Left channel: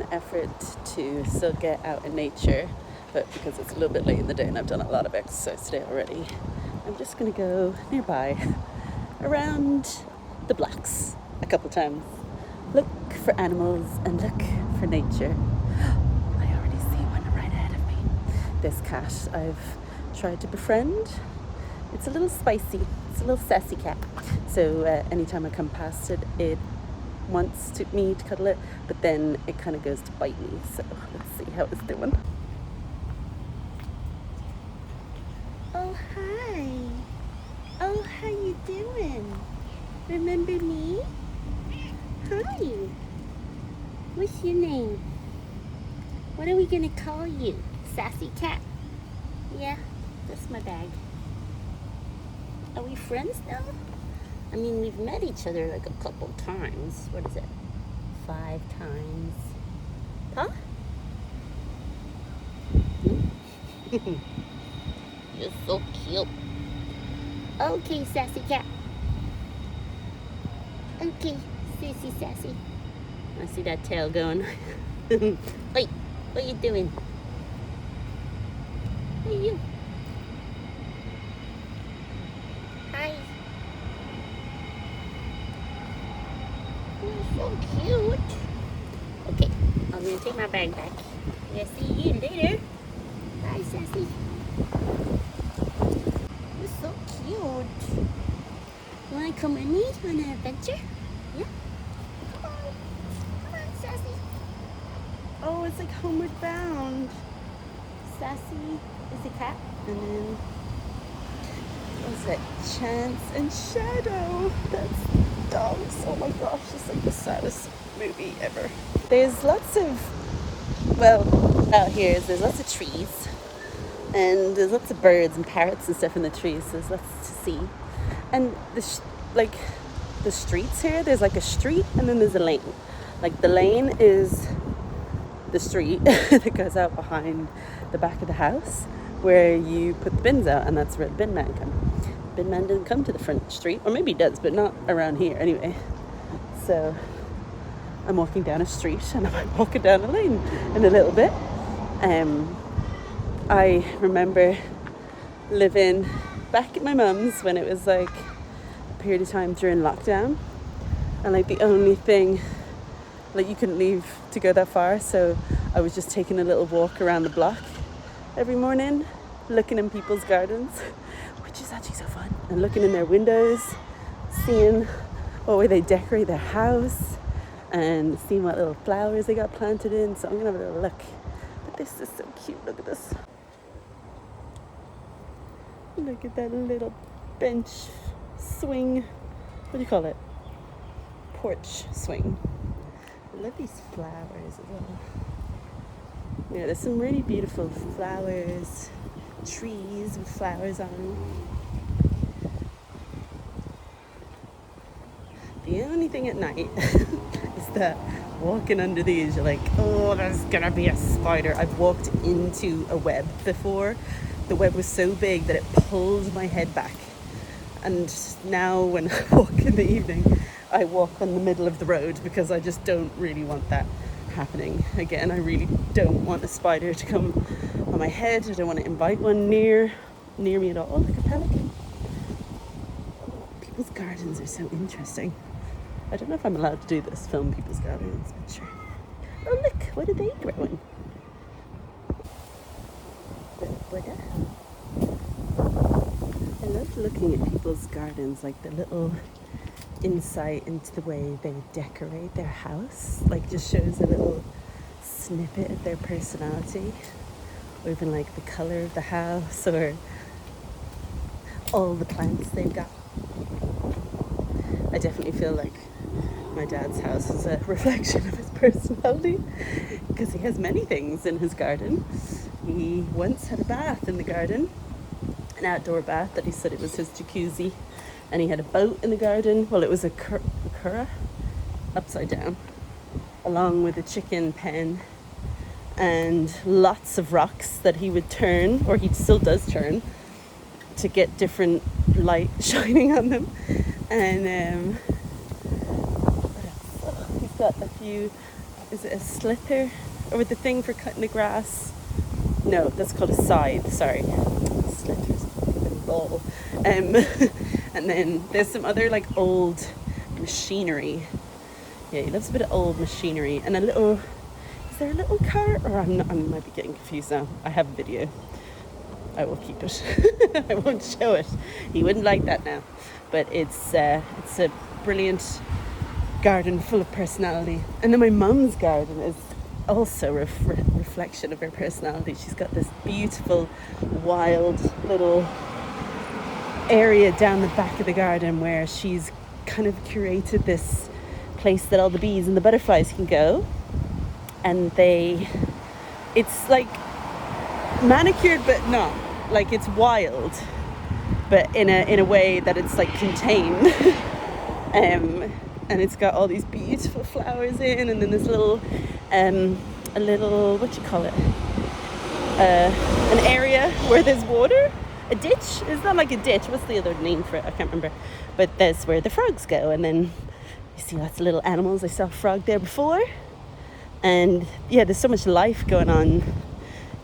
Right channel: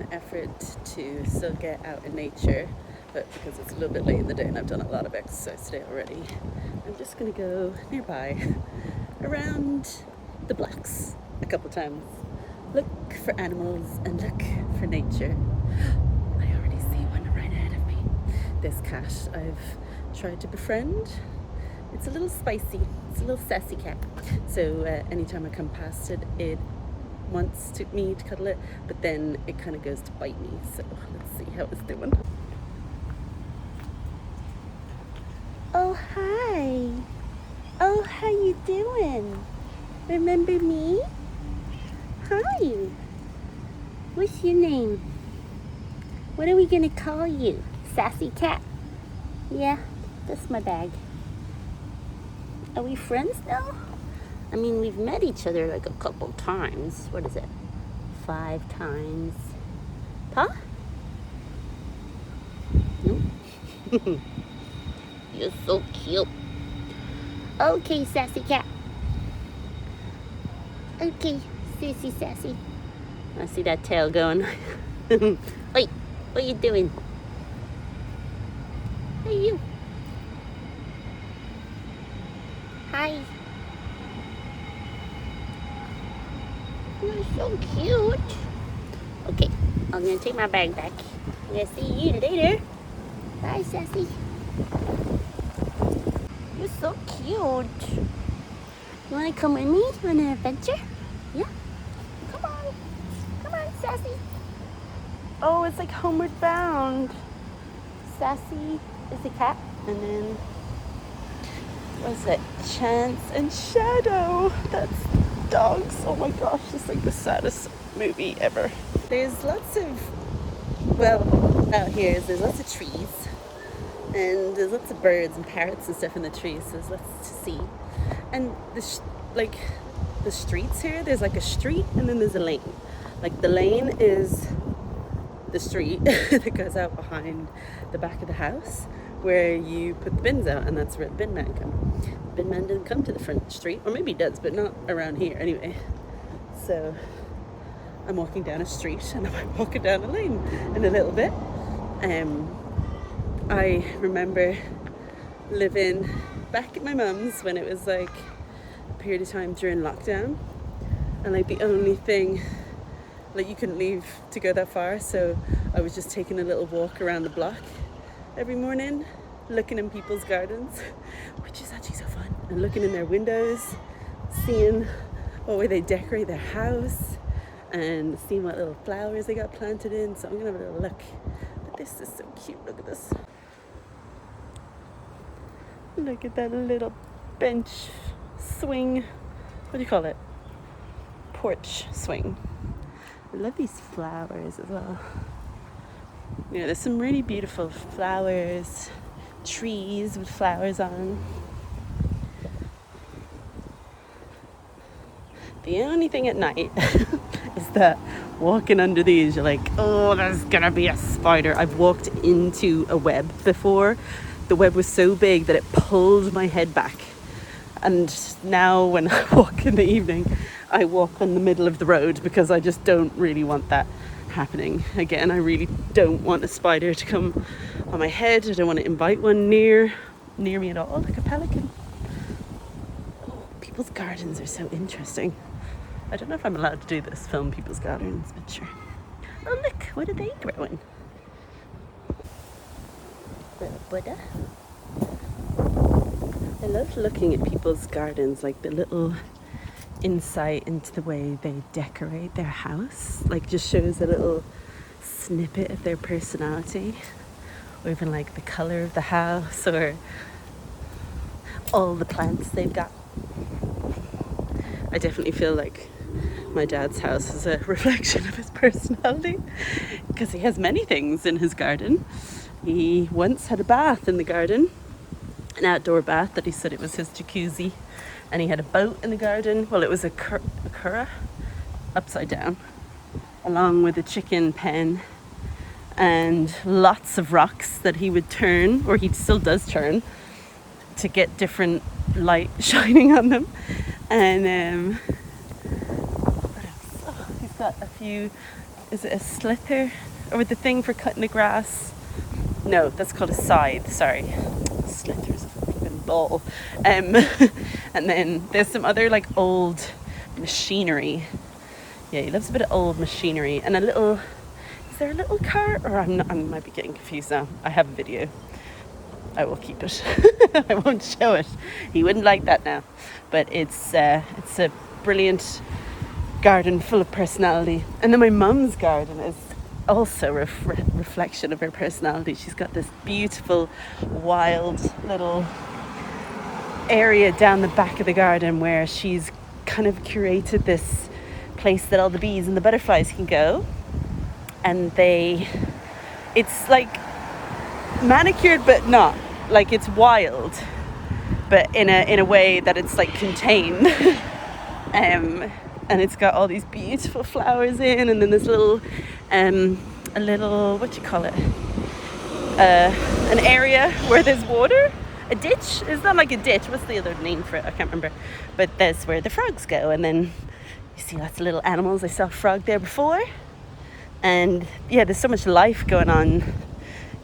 an effort to still get out in nature, but because it's a little bit late in the day and I've done a lot of exercise today already, I'm just gonna go nearby around the blocks a couple times, look for animals and look for nature. I already see one right ahead of me. This cat I've tried to befriend. It's a little spicy, it's a little sassy cat. So anytime I come past it, it wants me to cuddle it, but then it kind of goes to bite me. So let's see how it's doing. Oh, hi. Oh, how you doing? Remember me? Hi. What's your name? What are we gonna call you? Sassy cat? Yeah, that's my bag. Are we friends now? I mean, we've met each other like a couple times. What is it? 5 times. Huh? No? You're so cute. Okay, sassy cat. Okay, sissy sassy. I see that tail going. Wait, what are you doing? Hey, you. Hi. You're so cute. Okay, I'm gonna take my bag back. I'm gonna see you later. Bye, sassy. You're so cute. You wanna come with me on an adventure? Yeah? Come on. Come on, sassy. Oh, it's like homeward bound. Sassy is a cat, and then what's it? Chance and Shadow. That's dogs. Oh my gosh, it's like the saddest movie ever. There's lots of, well, out here there's lots of trees, and there's lots of birds and parrots and stuff in the trees, so there's lots to see. And the streets here, there's like a street and then there's a lane. Like the lane is the street that goes out behind the back of the house where you put the bins out, and that's where the bin man comes. The bin man doesn't come to the front street, or maybe he does, but not around here anyway. So I'm walking down a street and I'm walking down a lane in a little bit. I remember living back at my mum's when it was like a period of time during lockdown, and like the only thing, like you couldn't leave to go that far, so I was just taking a little walk around the block every morning, looking in people's gardens, which is actually so fun, and looking in their windows, seeing what way they decorate their house and seeing what little flowers they got planted in. So I'm gonna have a little look. But this is so cute. Look at this. Look at that little bench swing. What do you call it? Porch swing. I love these flowers as well. Yeah, there's some really beautiful flowers, trees with flowers on. The only thing at night is that walking under these, you're like, oh, there's gonna be a spider. I've walked into a web before. The web was so big that it pulled my head back. And now when I walk in the evening, I walk on the middle of the road because I just don't really want that happening again. I really don't want a spider to come on my head. I don't want to invite one near me at all. Oh, like a pelican. People's gardens are so interesting. I don't know if I'm allowed to do this, film people's gardens, but sure. Oh look, what are they growing? Little Buddha. I love looking at people's gardens, like the little insight into the way they decorate their house. Like just shows a little snippet of their personality, or even like the color of the house, or all the plants they've got. I definitely feel like my dad's house is a reflection of his personality, because he has many things in his garden. He once had a bath in the garden, an outdoor bath that he said it was his jacuzzi, and he had a boat in the garden. Well, it was a curragh, upside down, along with a chicken pen and lots of rocks that he would turn, or he still does turn, to get different light shining on them. And he's got a few is it a slither? Or with the thing for cutting the grass? No, that's called a scythe, sorry. Slithers, a ball. And then there's some other like old machinery. Yeah, he loves a bit of old machinery. And a little, is there a little car? Or I might be getting confused now. I have a video. I will keep it. I won't show it. He wouldn't like that now. But it's a brilliant garden full of personality. And then my mum's garden is also a reflection of her personality. She's got this beautiful wild little area down the back of the garden where she's kind of curated this place that all the bees and the butterflies can go, and it's like manicured but not, like it's wild but in a way that it's like contained. And it's got all these beautiful flowers in, and then this little a little, what do you call it, an area where there's water, a ditch. It's not like a ditch, what's the other name for it, I can't remember, but that's where the frogs go. And then you see lots of little animals. I saw a frog there before, and yeah, there's so much life going on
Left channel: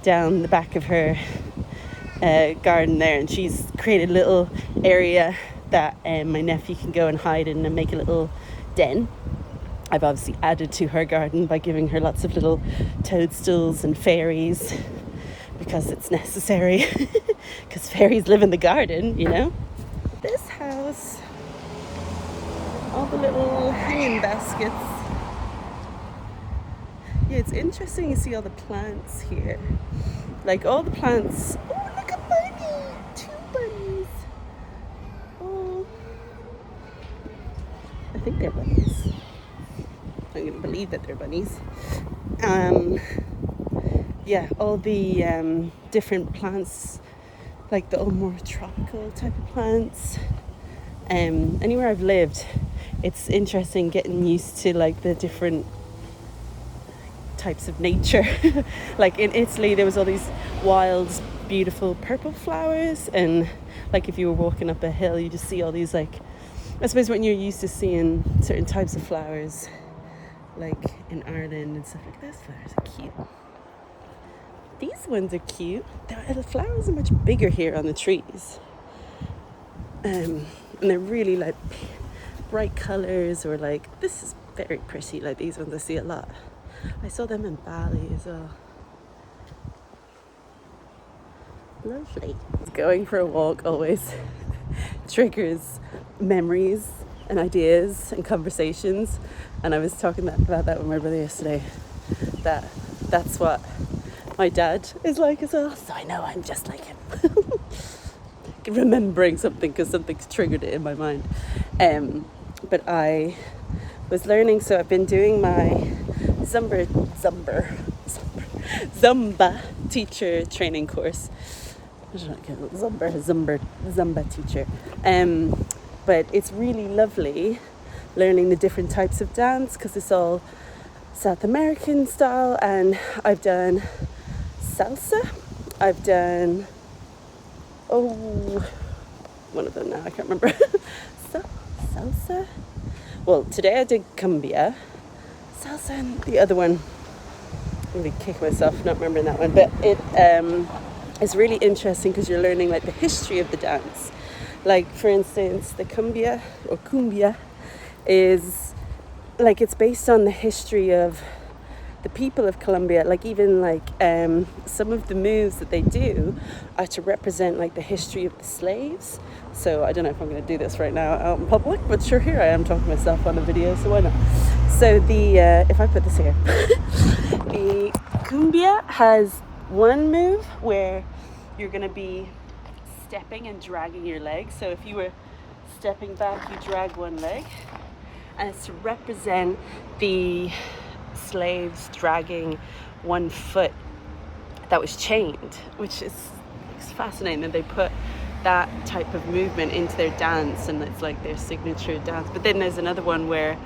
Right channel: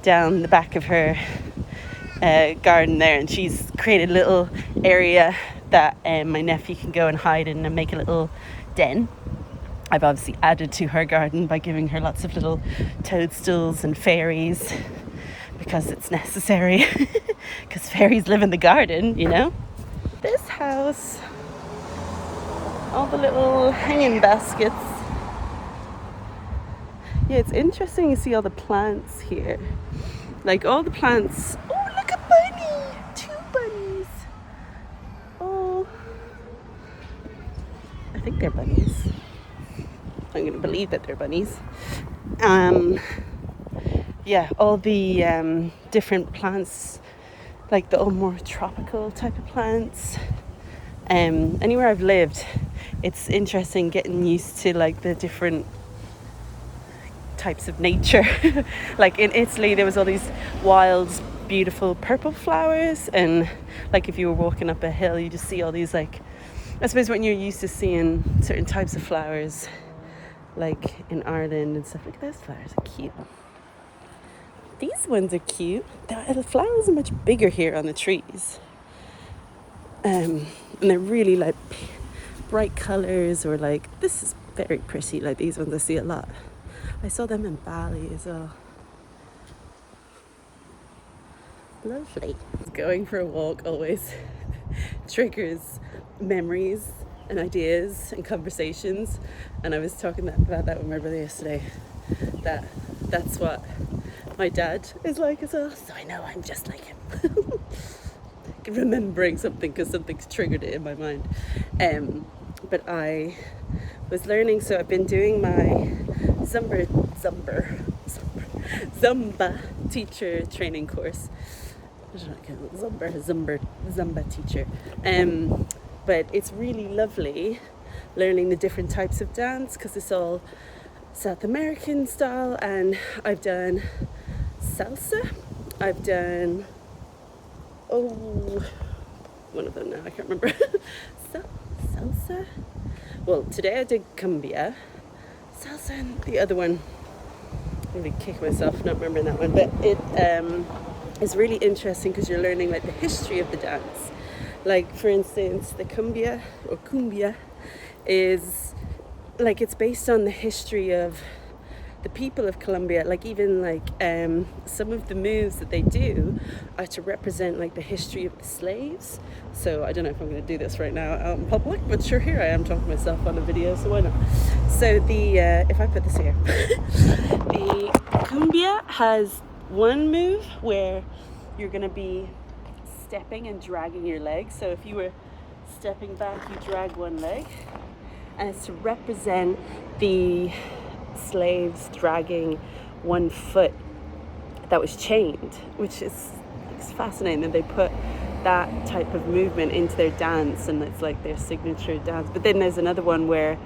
down the back of her garden there, and she's created a little area that my nephew can go and hide in and make a little den. I've obviously added to her garden by giving her lots of little toadstools and fairies, because it's necessary, because fairies live in the garden, you know. This house, all the little hanging baskets. Yeah, it's interesting to see all the plants here. Like all the plants. Oh, look, a bunny! 2 bunnies. Oh, I think they're bunnies. I'm gonna believe that they're bunnies. Yeah, all the different plants, like the more tropical type of plants. Anywhere I've lived, it's interesting getting used to like the different types of nature. Like in Italy, there was all these wild, beautiful purple flowers, and like if you were walking up a hill, you just see all these, like, I suppose when you're used to seeing certain types of flowers, like in Ireland and stuff. Like, those flowers are cute. These ones are cute. The flowers are much bigger here on the trees, and they're really like bright colors, or like, this is very pretty. Like these ones I see a lot. I saw them in Bali as well. Lovely. Going for a walk always triggers memories and ideas and conversations, and I was talking about that with my brother yesterday, that's what my dad is like as well, so I know I'm just like him. Remembering something because something's triggered it in my mind. But I was learning, so I've been doing my Zumba teacher training course. I don't know, Zumba teacher. But it's really lovely learning the different types of dance, because it's all South American style, and I've done salsa, I've done, one of them now, I can't remember. Salsa? Well, today I did cumbia, salsa, and the other one, I'm really kicking myself not remembering that one, but it is really interesting because you're learning like the history of the dance. Like, for instance, the cumbia is like, it's based on the history of the people of Colombia. Like, even like some of the moves that they do are to represent like the history of the slaves. So I don't know if I'm going to do this right now out in public, but sure, here I am talking to myself on a video, so why not? So the if I put this here, the cumbia has one move where you're going to be stepping and dragging your leg. So if you were stepping back, you drag one leg, and it's to represent the slaves dragging one foot that was chained, which is fascinating. And they put that type of movement into their dance, and it's like their signature dance. But then there's another one where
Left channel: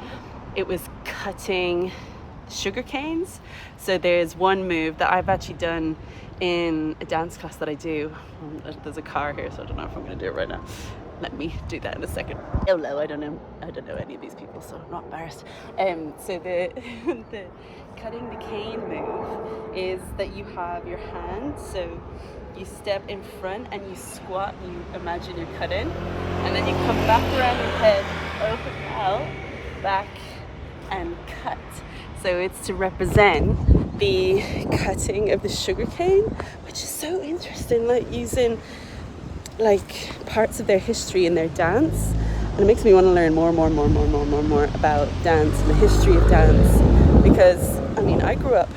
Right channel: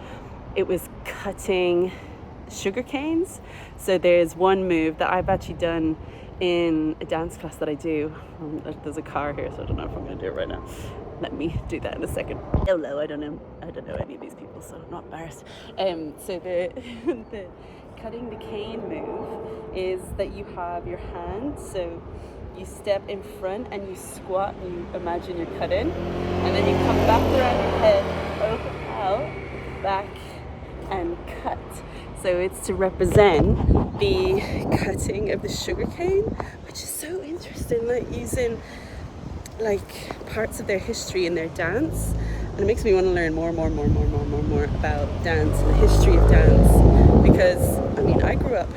it was cutting sugar canes. So there's one move that I've actually done in a dance class that I do. There's a car here, so I don't know if I'm going to do it right now. Let me do that in a second. Hello, I don't know any of these people, so I'm not embarrassed. So the cutting the cane move is that you have your hand, so you step in front and you squat and you imagine you're cutting, and then you come back around your head, open out, back and cut. So it's to represent the cutting of the sugar cane, which is so interesting, like using like parts of their history in their dance. And it makes me want to learn more about dance and the history of dance, because I mean, I grew up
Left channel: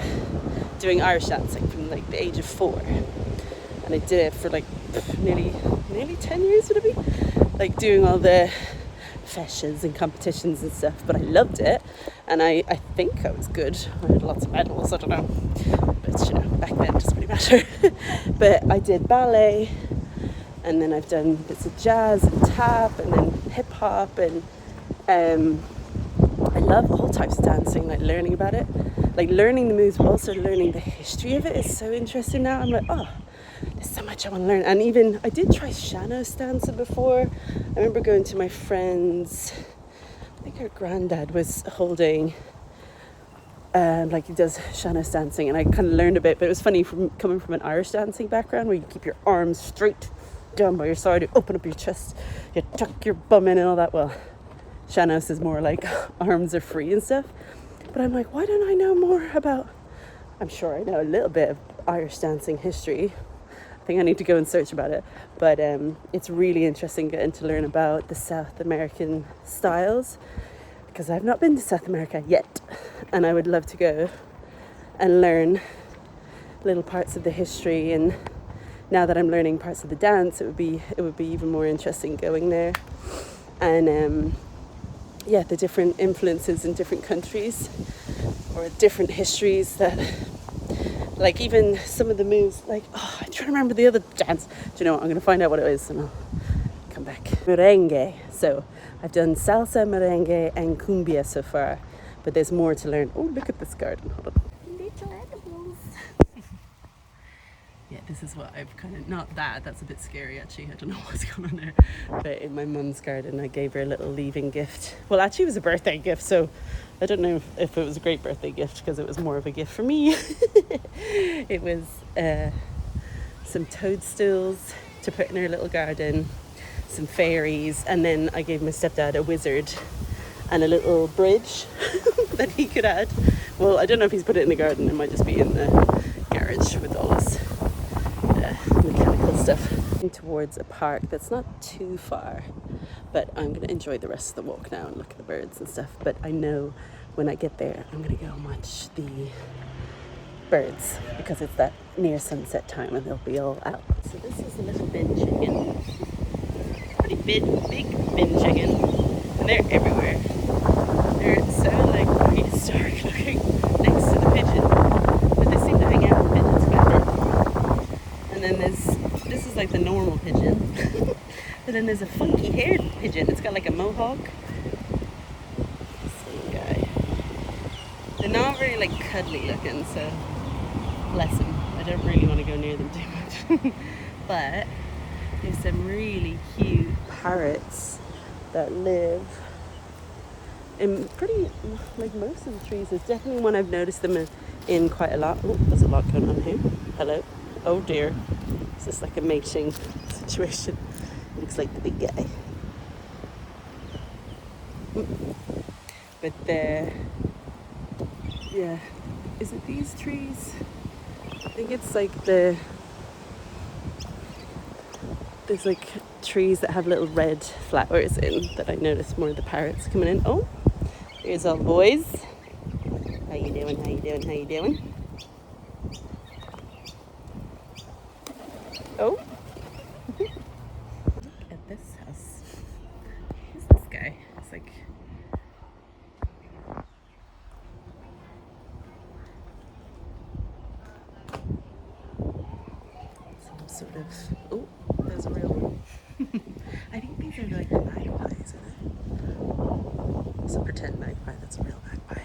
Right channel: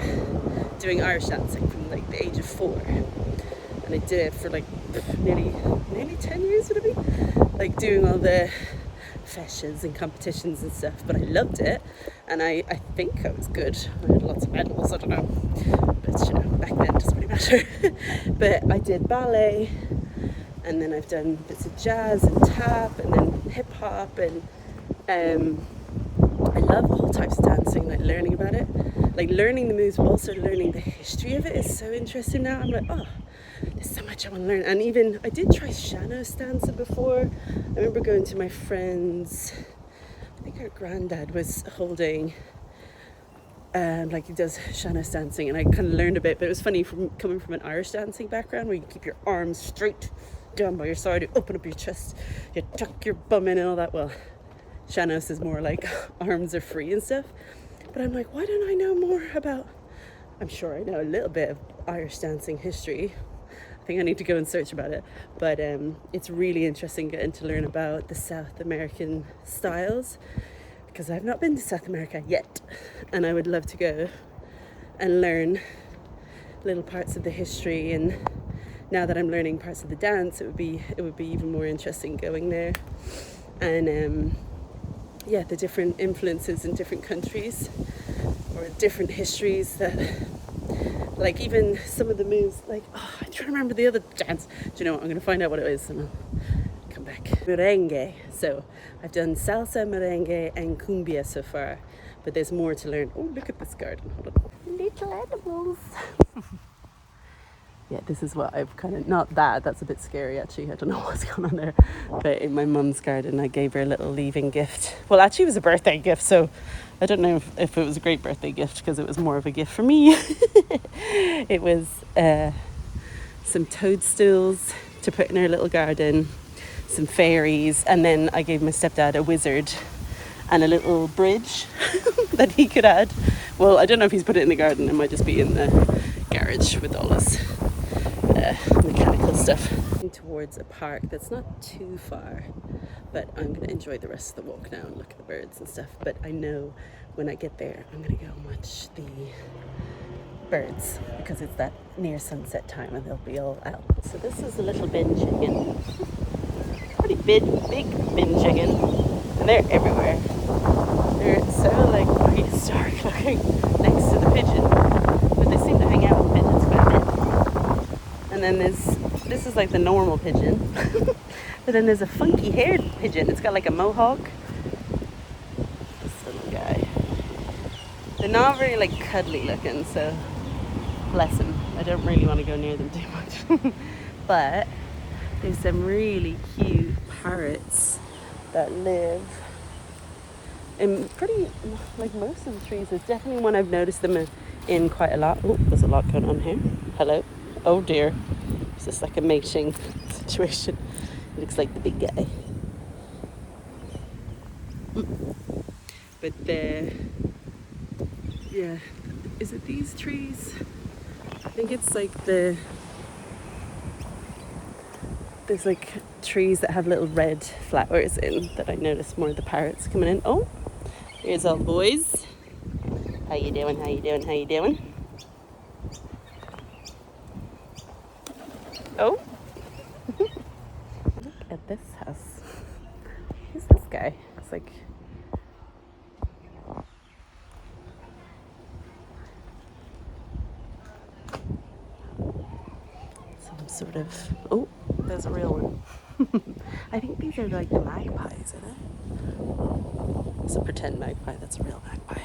doing Irish dancing from like the age of 4, and I did it for like nearly 10 years, would it be? Like doing all the feshes and competitions and stuff, but I loved it, and I think I was good. I had lots of medals, I don't know, but you know, back then it doesn't really matter. But I did ballet, and then I've done bits of jazz and tap and then hip hop, and I love all types of dancing, like learning about it, like learning the moves, but also learning the history of it is so interesting now. I'm like, oh, there's so much I want to learn. And even I did try Shanos dancing before. I remember going to my friend's, I think her granddad was holding like he does Shanos dancing, and I kind of learned a bit, but it was funny from coming from an Irish dancing background where you keep your arms straight down by your side, you open up your chest, you tuck your bum in and all that. Well, Shanos is more like arms are free and stuff. But I'm like, why don't I know more about, I'm sure I know a little bit of Irish dancing history. I think I need to go and search about it. But it's really interesting getting to learn about the South American styles, because I've not been to South America yet, and I would love to go and learn little parts of the history. And now that I'm learning parts of the dance, it would be even more interesting going there. And yeah, the different influences in different countries or different histories, that like even some of the moves, like, oh, I'm trying to remember the other dance. Do you know what? I'm going to find out what it is and I'll come back. Merengue. So I've done salsa, merengue and cumbia so far, but there's more to learn. Oh, look at this garden. Hold on. Little animals. Yeah, this is what I've kind of, not that, that's a bit scary actually, I don't know what's going on there, but in my mum's garden I gave her a little leaving gift. Well, actually it was a birthday gift, so I don't know if it was a great birthday gift, because it was more of a gift for me. It was some toadstools to put in her little garden, some fairies, and then I gave my stepdad a wizard and a little bridge that he could add. Well, I don't know if he's put it in the garden, it might just be in the garage with all his mechanical stuff. Towards a park that's not too far, but I'm going to enjoy the rest of the walk now and look at the birds and stuff. But I know when I get there I'm going to go and watch the birds, because it's that near sunset time and they'll be all out. So this is a little bin chicken, pretty big bin chicken, and they're everywhere. They're so like prehistoric looking next to the pigeon, but they seem to hang out with pigeons quite a bit. And then this is like the normal pigeon. But then there's a funky haired pigeon. It's got like a mohawk. This little guy. They're not very like cuddly looking, so bless them. I don't really want to go near them too much. But there's some really cute parrots that live in pretty, like most of the trees. There's definitely one I've noticed them in quite a lot. Oh, there's a lot going on here. Hello. Oh dear. Is this like a mating situation? It looks like the big guy. But yeah, is it these trees? I think it's like there's like trees that have little red flowers in that I noticed more of the parrots coming in. Oh, here's all the boys. How you doing? How you doing? How you doing? Oh, look at this house. Who's this guy? It's like some sort of, oh, there's a real one. I think these are like the magpies, isn't it? It's a pretend magpie, that's a real magpie.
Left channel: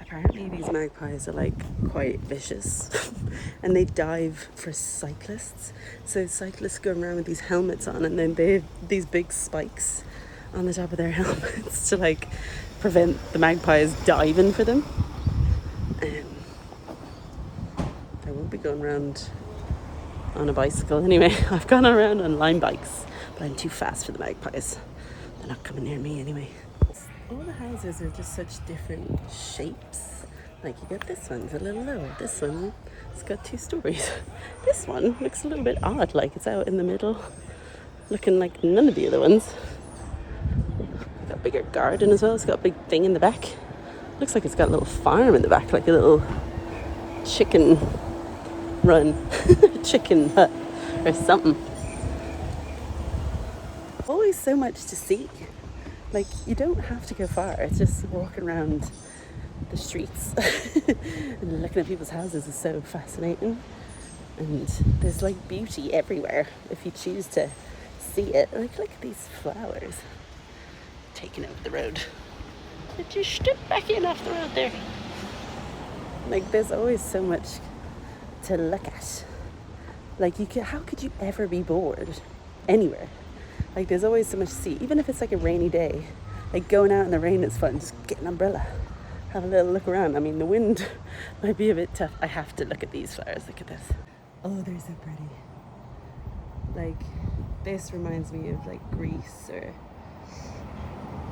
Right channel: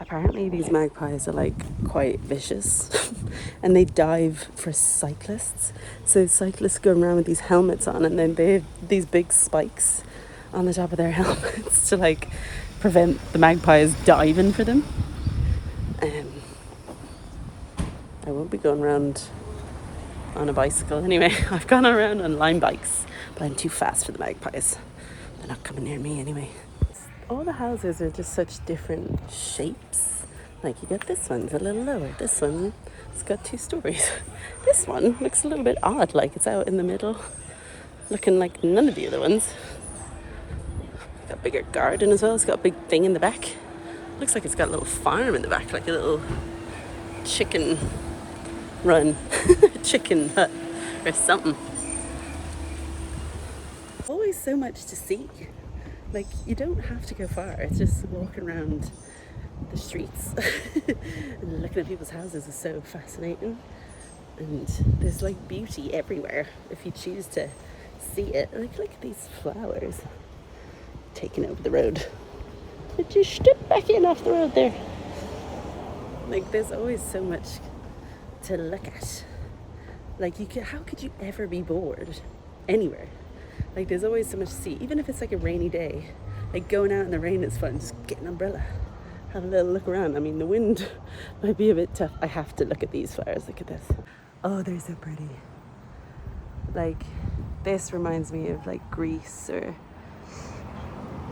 Apparently these magpies are like quite vicious and they dive for cyclists. So cyclists go around with these helmets on, and then they have these big spikes on the top of their helmets to like prevent the magpies diving for them. I won't be going around on a bicycle anyway. I've gone around on line bikes, but I'm too fast for the magpies. They're not coming near me anyway. All the houses are just such different shapes. Like you get this one's a little low. This one, it's got 2 stories. This one looks a little bit odd, like it's out in the middle, looking like none of the other ones. Got a bigger garden as well. It's got a big thing in the back. Looks like it's got a little farm in the back, like a little chicken run, chicken hut or something. Always so much to see. Like you don't have to go far. It's just walking around the streets and looking at people's houses is so fascinating. And there's like beauty everywhere if you choose to see it. Like look at these flowers taking over the road. But just step back in off the road there. Like there's always so much to look at. Like how could you ever be bored anywhere? Like there's always so much to see. Even if it's like a rainy day, like going out in the rain is fun. Just get an umbrella, have a little look around. I mean the wind might be a bit tough. I have to look at these flowers. Look at this. Oh, they're so pretty. Like this reminds me of like Greece or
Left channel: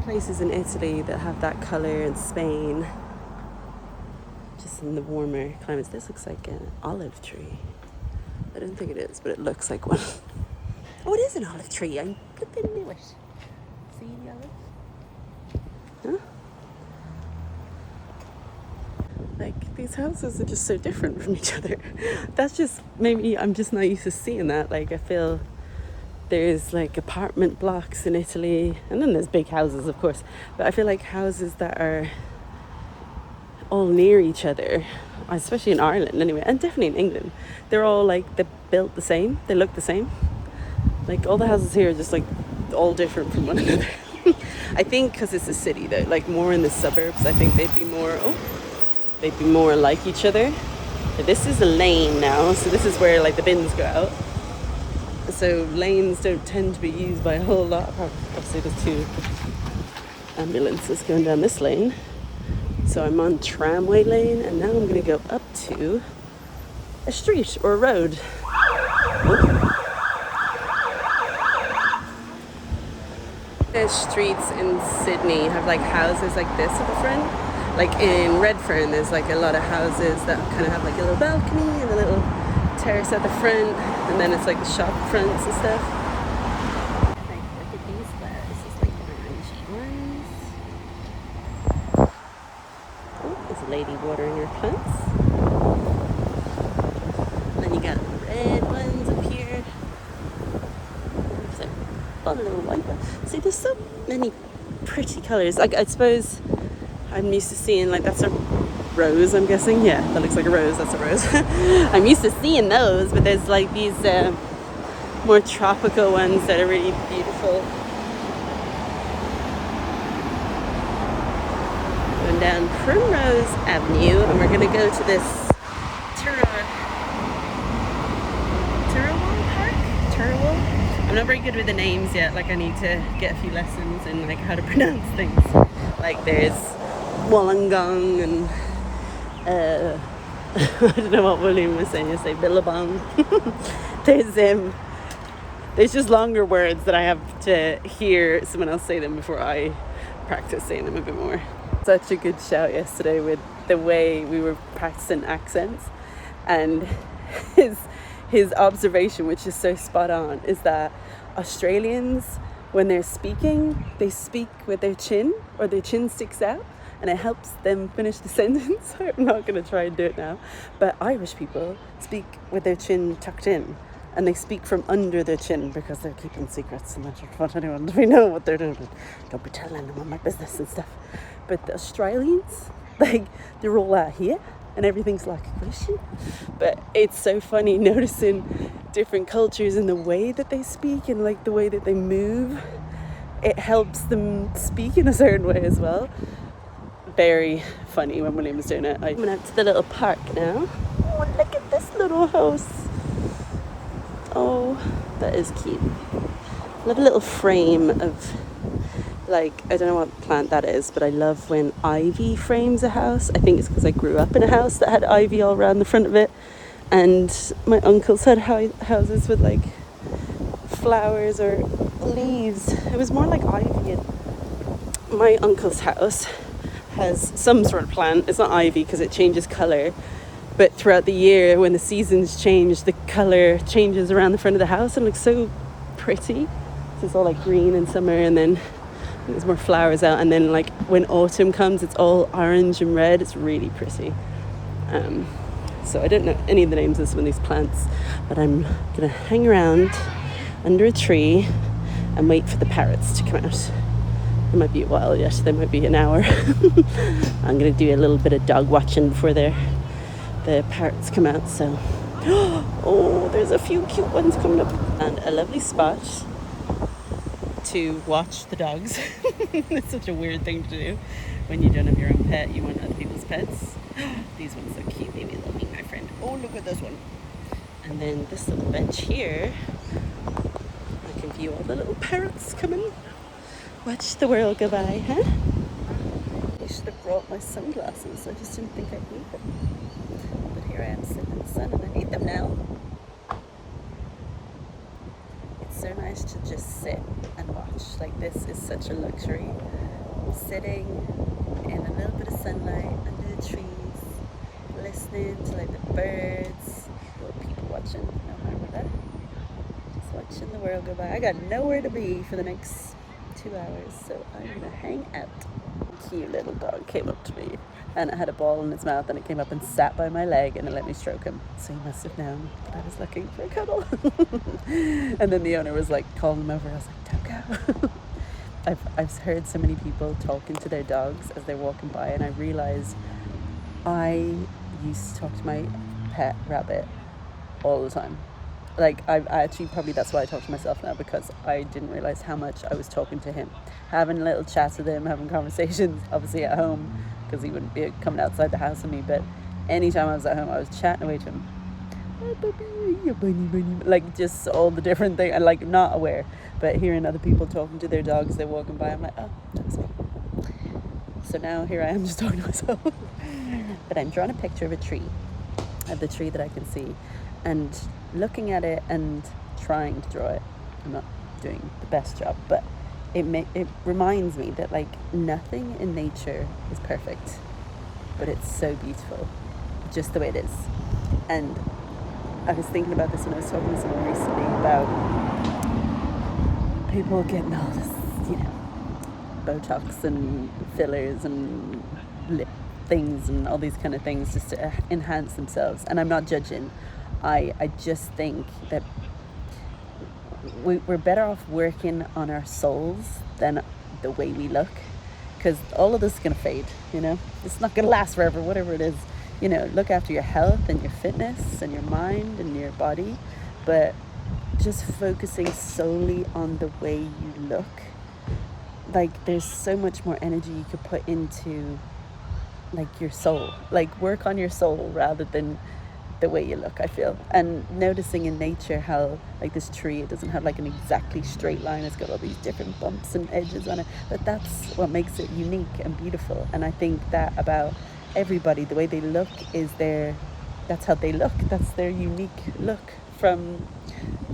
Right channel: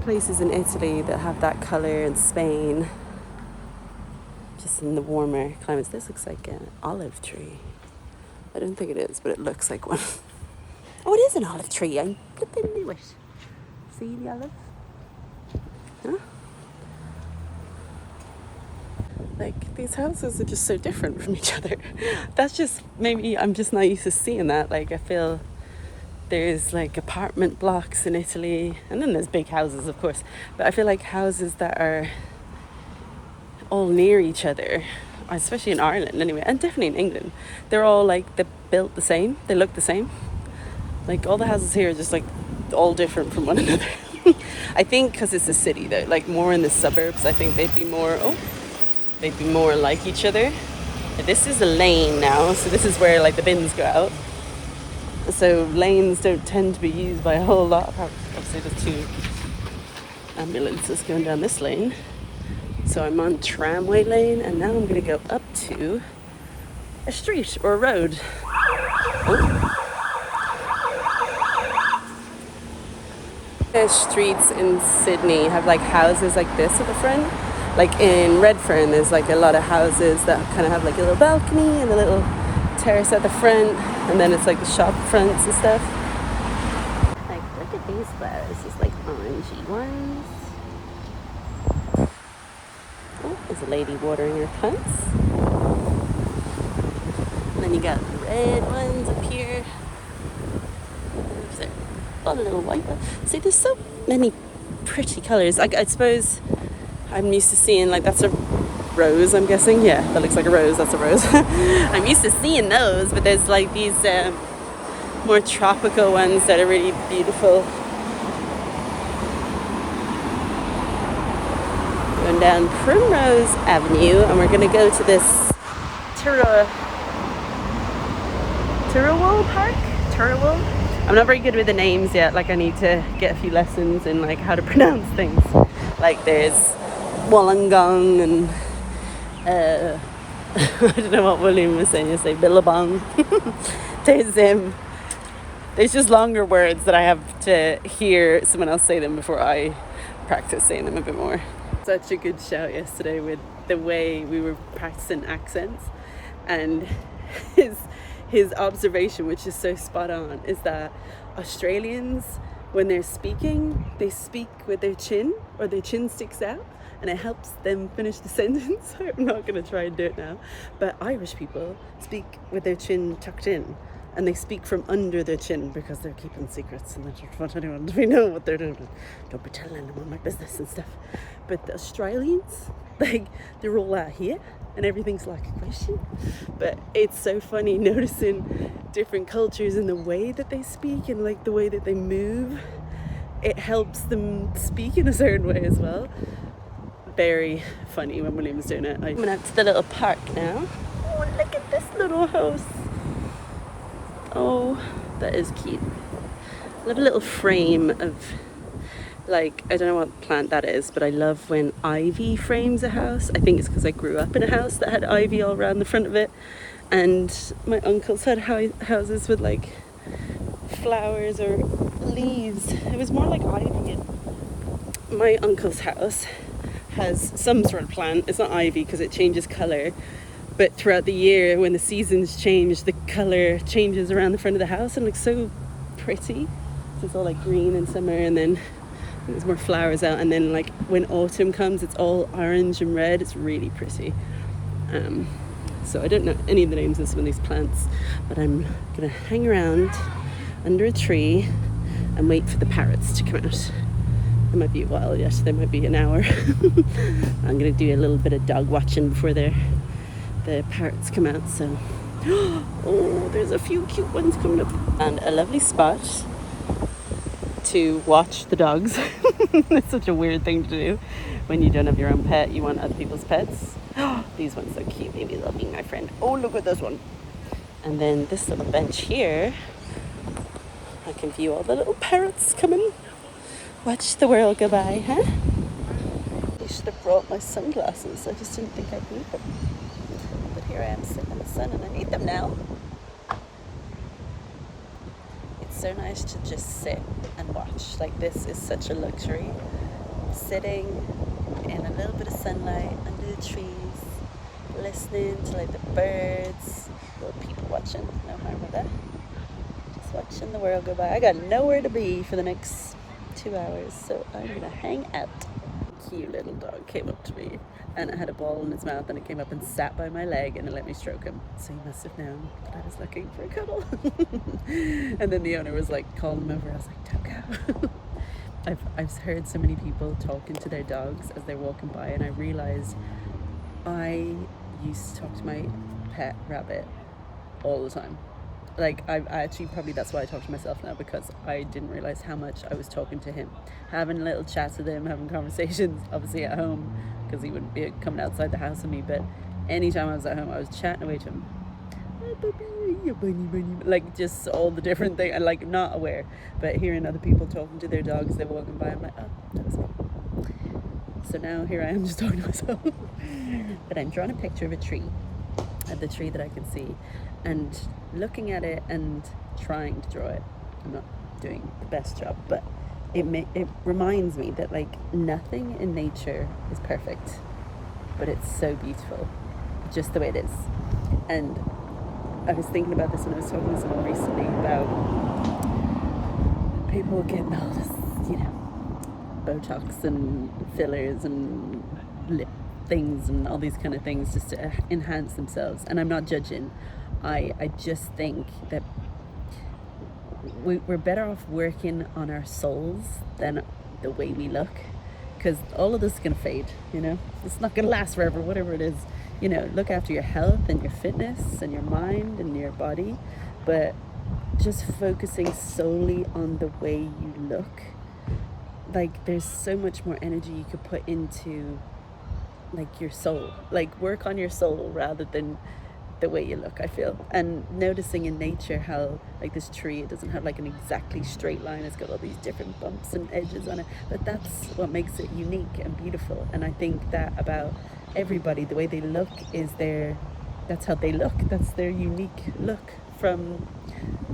places in Italy that have that color, in Spain, just in the warmer climates. This looks like an olive tree. I don't think it is, but it looks like one. Oh, it is an olive tree. I flipping knew it. See the olive? Huh? Like these houses are just so different from each other. That's just maybe I'm just not used to seeing that. Like I feel there's like apartment blocks in Italy, and then there's big houses, of course. But I feel like houses that are all near each other, especially in Ireland anyway, and definitely in England, they're all like they're built the same. They look the same. Like all the houses here are just like all different from one another. I think because it's a city, though, like more in the suburbs, I think they'd be more like each other. This is a lane now, so this is where like the bins go out. So lanes don't tend to be used by a whole lot. Obviously there's 2 ambulances going down this lane. So I'm on tramway lane, and now I'm going to go up to a street or a road. Oh. The streets in Sydney have like houses like this at the front. Like in Redfern, there's like a lot of houses that kind of have like a little balcony and a little terrace at the front, and then it's like the shop fronts and stuff. Like look at these flowers, it's like orangey ones. Oh, there's a lady watering her plants. And then you got red ones up here. A little white one. See, there's so many pretty colours. Like I suppose I'm used to seeing like that's a rose, I'm guessing. Yeah, that looks like a rose. That's a rose. I'm used to seeing those, but there's like these more tropical ones that are really beautiful. Going down Primrose Avenue, and we're gonna go to this Turruwul Park. Turruwul. I'm not very good with the names yet. Like I need to get a few lessons in like how to pronounce things. Like there's Wollongong and I don't know what William was saying. You say Billabong. There's just longer words that I have to hear someone else say them before I practice saying them a bit more. Such a good shout yesterday with the way we were practicing accents, and his observation, which is so spot on, is that Australians, when they're speaking, they speak with their chin, or their chin sticks out, and it helps them finish the sentence. I'm not going to try and do it now, but Irish people speak with their chin tucked in, and they speak from under their chin because they're keeping secrets and they don't want anyone to know what they're doing. Don't be telling anyone my business and stuff. But the Australians, like, they're all out here and everything's like a question. But it's so funny noticing different cultures and the way that they speak and like the way that they move. It helps them speak in a certain way as well. Very funny when William was doing it. I'm coming out to the little park now. Oh, look at this little house. Oh, that is cute. I love a little frame of Like, I don't know what plant that is, but I love when ivy frames a house. I think it's because I grew up in a house that had ivy all around the front of it, and my uncles had houses with like flowers or leaves. It was more like ivy. And my uncle's house has some sort of plant. It's not ivy because it changes colour, but throughout the year when the seasons change, the colour changes around the front of the house and looks so pretty. It's all like green in summer, and then there's more flowers out, and then like when autumn comes it's all orange and red. It's really pretty. So I don't know any of the names of some of these plants, but I'm gonna hang around under a tree and wait for the parrots to come out. It might be a while yet, there might be an hour. I'm gonna do a little bit of dog watching before the parrots come out. So oh, there's a few cute ones coming up, and a lovely spot to watch the dogs. It's such a weird thing to do when you don't have your own pet. You want other people's pets. These ones are cute. They love being my friend. Oh, look at this one. And then this little bench here, I can view all the little parrots coming. Watch the world go by, huh? I should have brought my sunglasses. I just didn't think I'd need them. But here I am sitting in the sun and I need them now. It's so nice to just sit and watch. Like, this is such a luxury. Sitting in a little bit of sunlight under the trees, listening to like the birds, little people watching. No harm with that. Just watching the world go by. I got nowhere to be for the next 2 hours, so I'm gonna hang out. Cute little dog came up to me and it had a ball in its mouth, and it came up and sat by my leg and it let me stroke him. So he must have known that I was looking for a cuddle. And then the owner was like calling him over. I was like, don't go. I've heard so many people talking to their dogs as they're walking by, and I realized I used to talk to my pet rabbit all the time. Like, I actually, probably that's why I talk to myself now, because I didn't realize how much I was talking to him, having little chats with him, having conversations, obviously at home, because he wouldn't be coming outside the house with me, but anytime I was at home, I was chatting away to him. Hi, puppy, you bunny, like just all the different things, and like not aware, but hearing other people talking to their dogs, they're walking by, I'm like, oh, that was me. So now here I am just talking to myself. But I'm drawing a picture of a tree, of the tree that I can see, and looking at it and trying to draw it. I'm not doing the best job, but it reminds me that like nothing in nature is perfect, but it's so beautiful just the way it is. And I was thinking about this when I was talking to someone recently about people getting all this, you know, Botox and fillers and lip things and all these kind of things just to enhance themselves. And I'm not judging. I just think that we're better off working on our souls than the way we look, because all of this is going to fade, you know. It's not going to last forever, whatever it is. You know, look after your health and your fitness and your mind and your body, but just focusing solely on the way you look, like there's so much more energy you could put into like your soul, like work on your soul rather than the way you look, I feel. And noticing in nature how like this tree, it doesn't have like an exactly straight line, it's got all these different bumps and edges on it, but that's what makes it unique and beautiful. And I think that about everybody, the way they look is that's how they look, that's their unique look from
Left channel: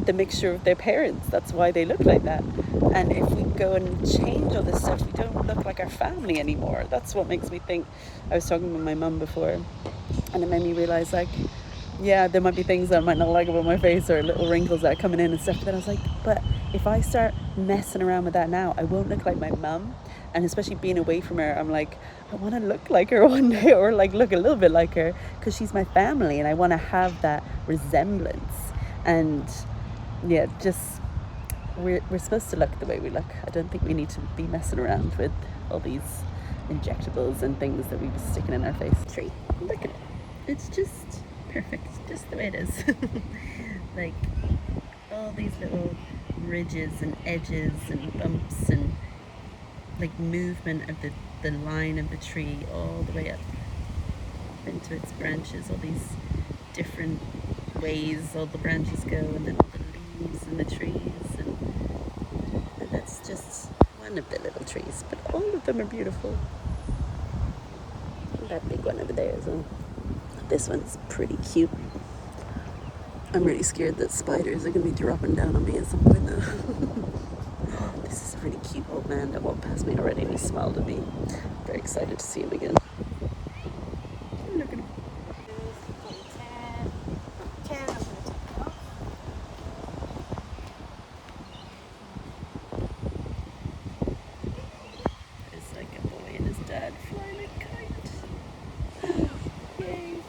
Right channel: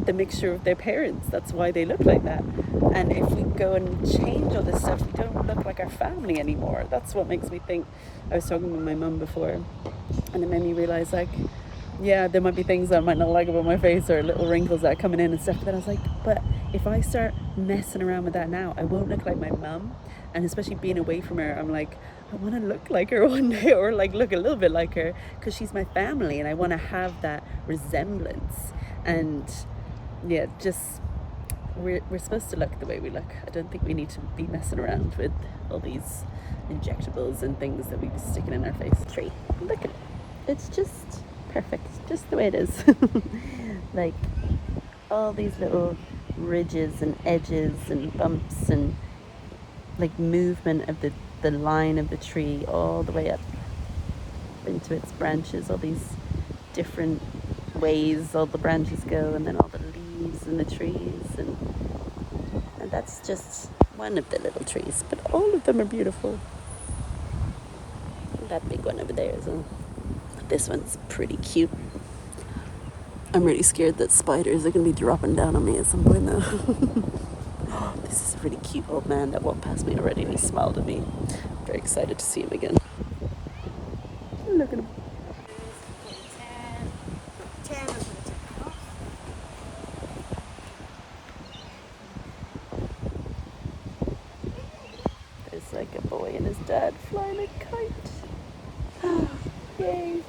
the mixture of their parents. That's why they look like that. And if we go and change all this stuff, we don't look like our family anymore. That's what makes me think. I was talking with my mum before, and it made me realize, like, yeah, there might be things that I might not like about my face or little wrinkles that are coming in and stuff, but I was like, but if I start messing around with that now, I won't look like my mum. And especially being away from her, I'm like, I want to look like her one day, or like look a little bit like her, because she's my family and I want to have that resemblance. And yeah, just we're supposed to look the way we look. I don't think we need to be messing around with all these injectables and things that we be sticking in our face. Tree, look at it. It's just perfect, just the way it is. Like all these little ridges and edges and bumps and like movement of the line of the tree all the way up into its branches, all these different ways all the branches go, and then all the leaves and the trees, and that's just one of the little trees, but all of them are beautiful. That big one over there as well. This one's pretty cute. I'm really scared that spiders are going to be dropping down on me at some point though. This is a really cute old man that walked past me already and he smiled at me. Very excited to see him again. Look at him. There's like a boy and his dad flying a kite. Yay.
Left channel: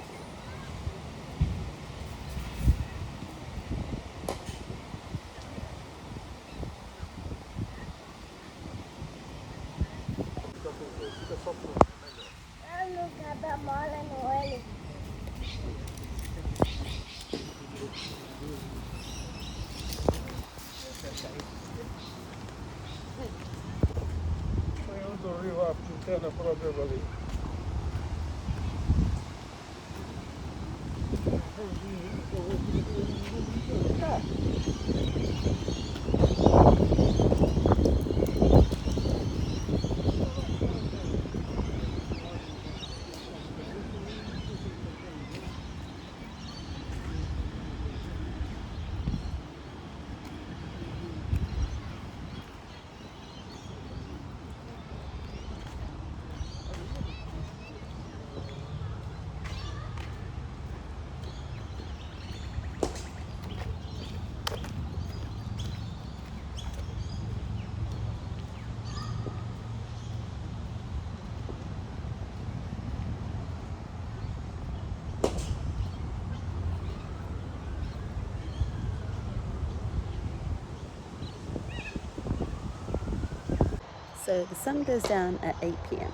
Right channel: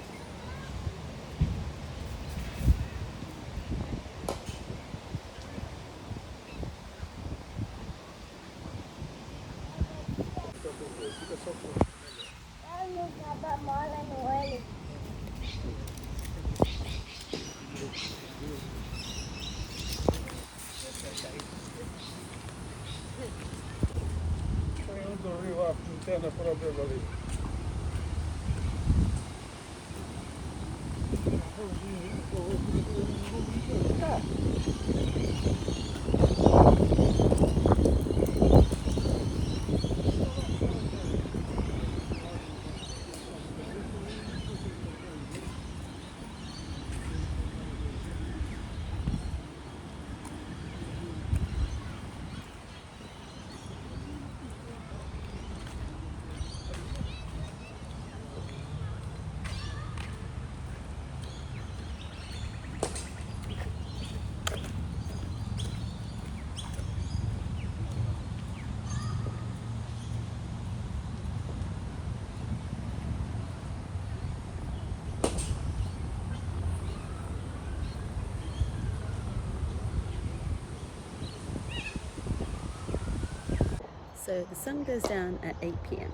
So the sun goes down at 8 p.m.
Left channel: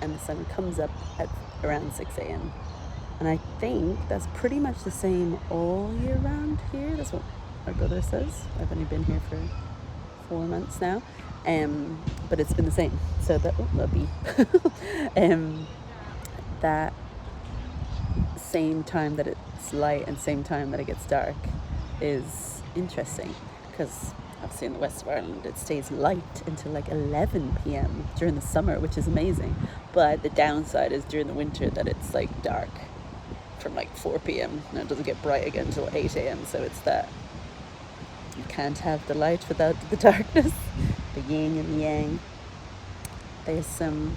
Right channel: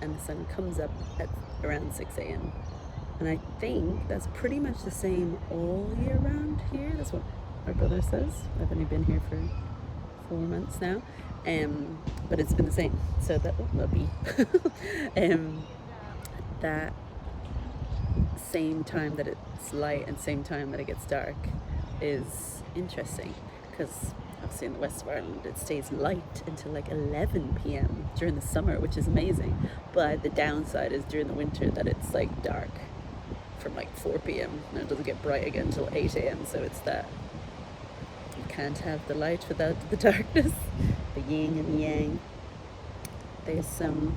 and the sun comes up at around 6 a.m. And I think that's pretty much the same all year round here. That's what my brother says. I've only been here for 4 months now, but it's been the same. So that'll be that same time that it's light and same time that it gets dark is interesting, because obviously in the west of Ireland it stays light until like 11 p.m. during the summer, which is amazing, but the downside is during the winter that it's like dark from like 4 p.m. and it doesn't get bright again until 8 a.m. so it's that you can't have the light without the darkness, the yin and the yang. There's some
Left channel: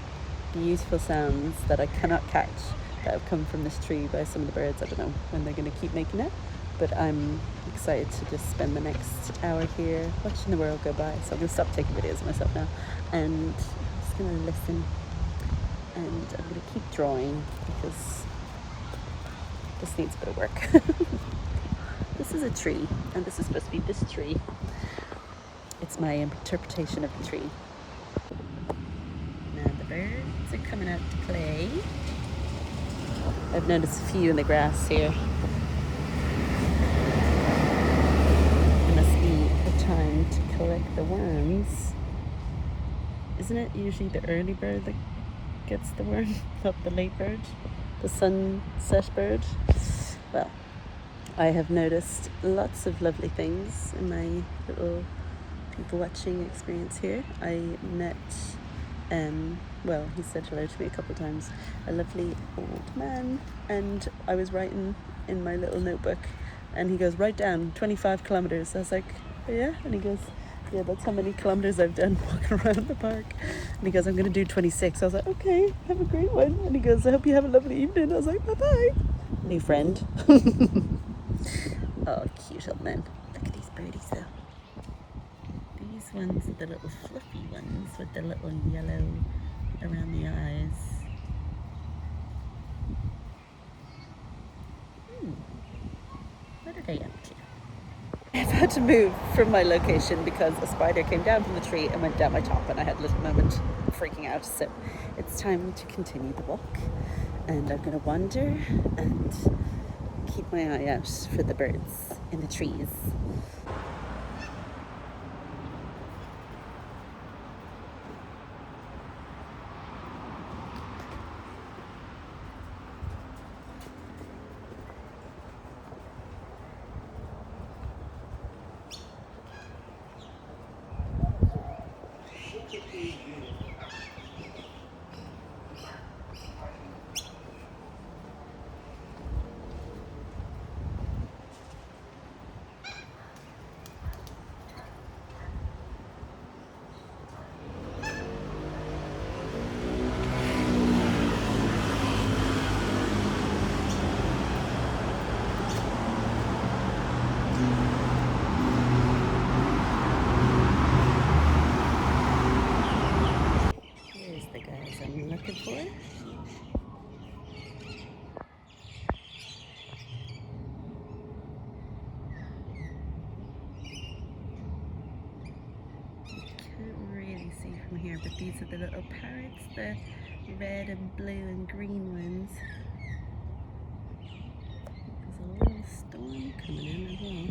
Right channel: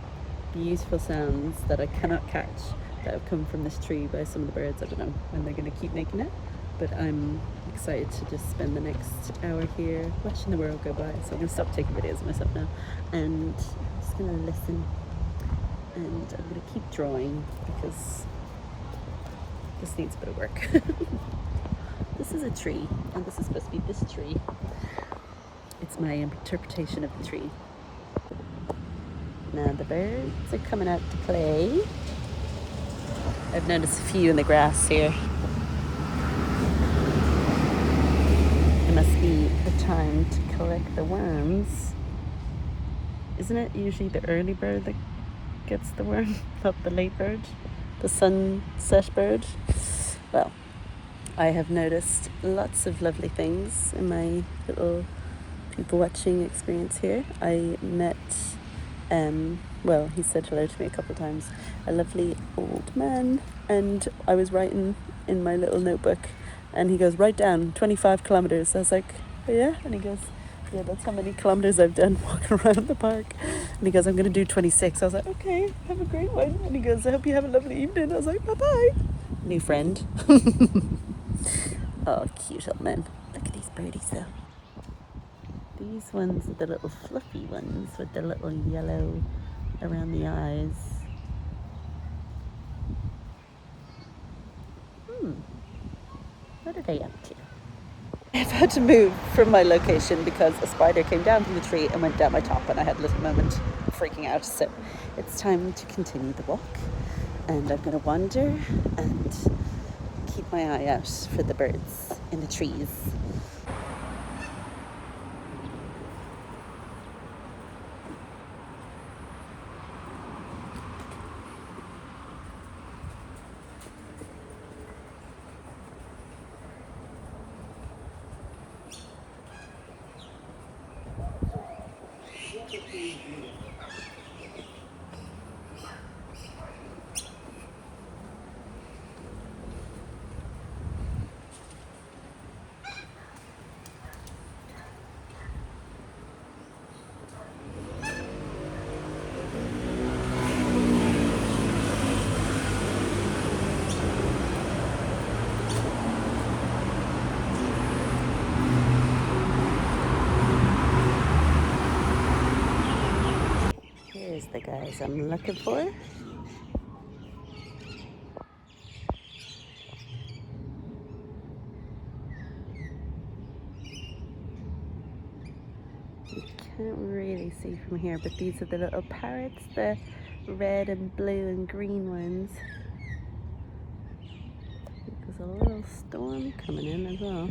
beautiful sounds that I cannot catch that have come from this tree by some of the birds. I don't know when they're going to keep making it, but I'm excited to just spend the next hour here watching the world go by. So I'm going to stop taking videos of myself now and I'm just going to listen, and I'm going to keep drawing because this needs a bit of work. This is a tree, and this is supposed to be this tree. It's my interpretation of the tree. Now the birds are coming out to play. I've noticed a few in the grass here. It must be a time to collect the worms. Isn't it usually the early bird that gets the worm, not the late bird, the sunset bird? Well, I have noticed lots of lovely things in my little people watching experience here. I met well, he said hello to me a couple of times, a lovely old man, and I was writing in my little notebook and he goes, write down 25 kilometers. I was like, oh, yeah? And he goes, yeah, that's how many kilometers I've done walking around the park. And he goes, I'm going to do 26. I was like, okay, have a great one. And he goes, I hope you have a lovely evening. I was like, bye-bye. New friend. Oh, cute old man. Look at these birdies though. These ones are the little fluffy ones with the little yellow around the eyes. What are they up to? I've had to move from my location because a spider came down from the tree and went down my top, and I had a little moment of freaking out. So it's time to continue the walk, and I'm going to wander and keep my eye out for the birds in the trees. place I'm looking for. Can't really see from here, but these are the little parrots, the red and blue and green ones. There's a little storm coming in as well.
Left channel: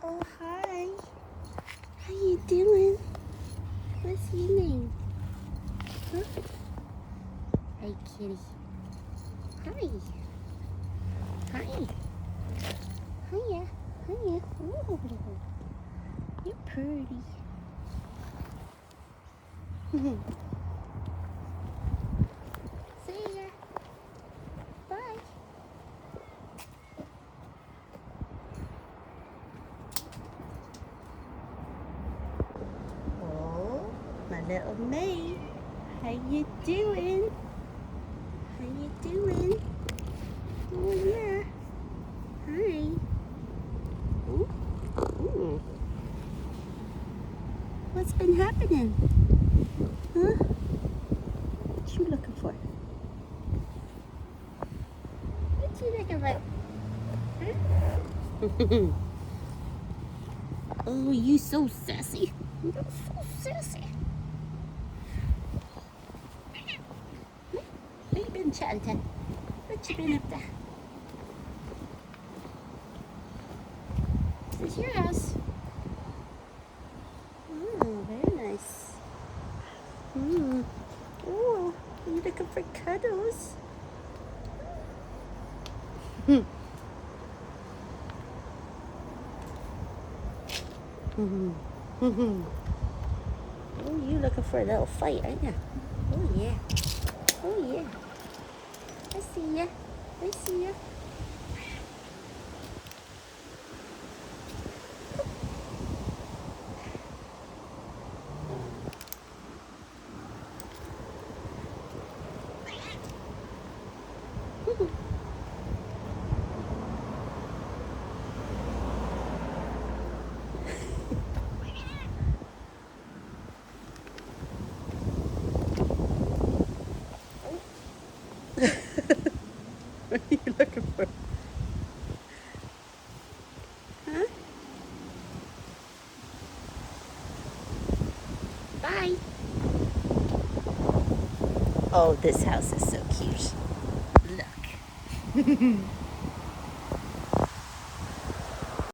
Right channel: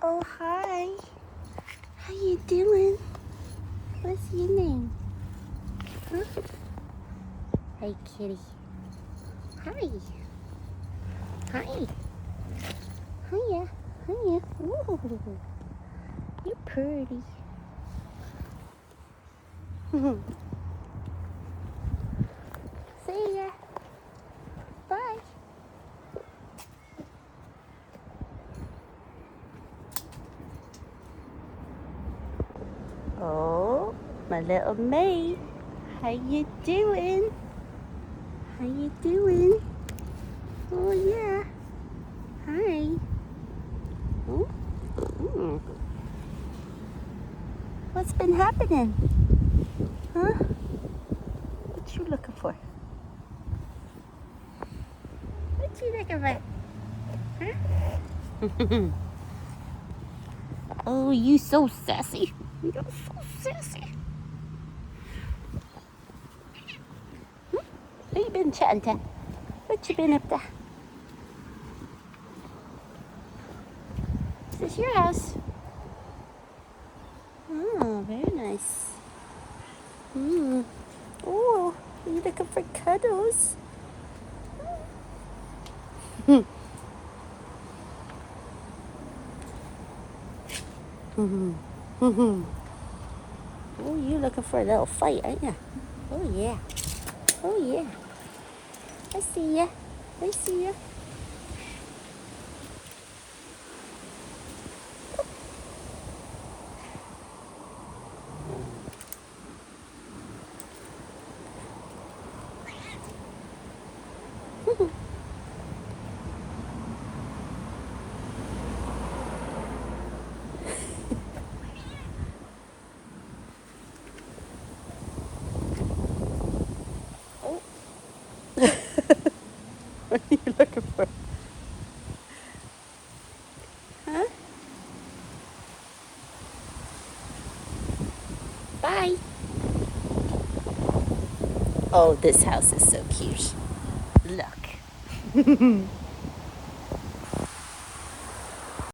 Oh, hi. How you doing? What's your name? Huh? Hey, kitty. Hi. Hi. Hiya. Hiya. Ooh. You're pretty. See ya. Bye. Oh, my little maid. How you doing? How you doing? Oh yeah. Hi. Ooh. Ooh. What's been happening? Huh? What you looking for? What you looking for? Huh? Oh, you so sassy. You're so sassy. Who you been chatting to? What you been up to? Is this your house? Oh, very nice. Oh, are you looking for cuddles? Oh, you looking for a little fight, aren't you? Oh, yeah. Oh, yeah. I see ya. I see ya. What are you looking for? Huh? Bye. Oh, this house is so cute. Look.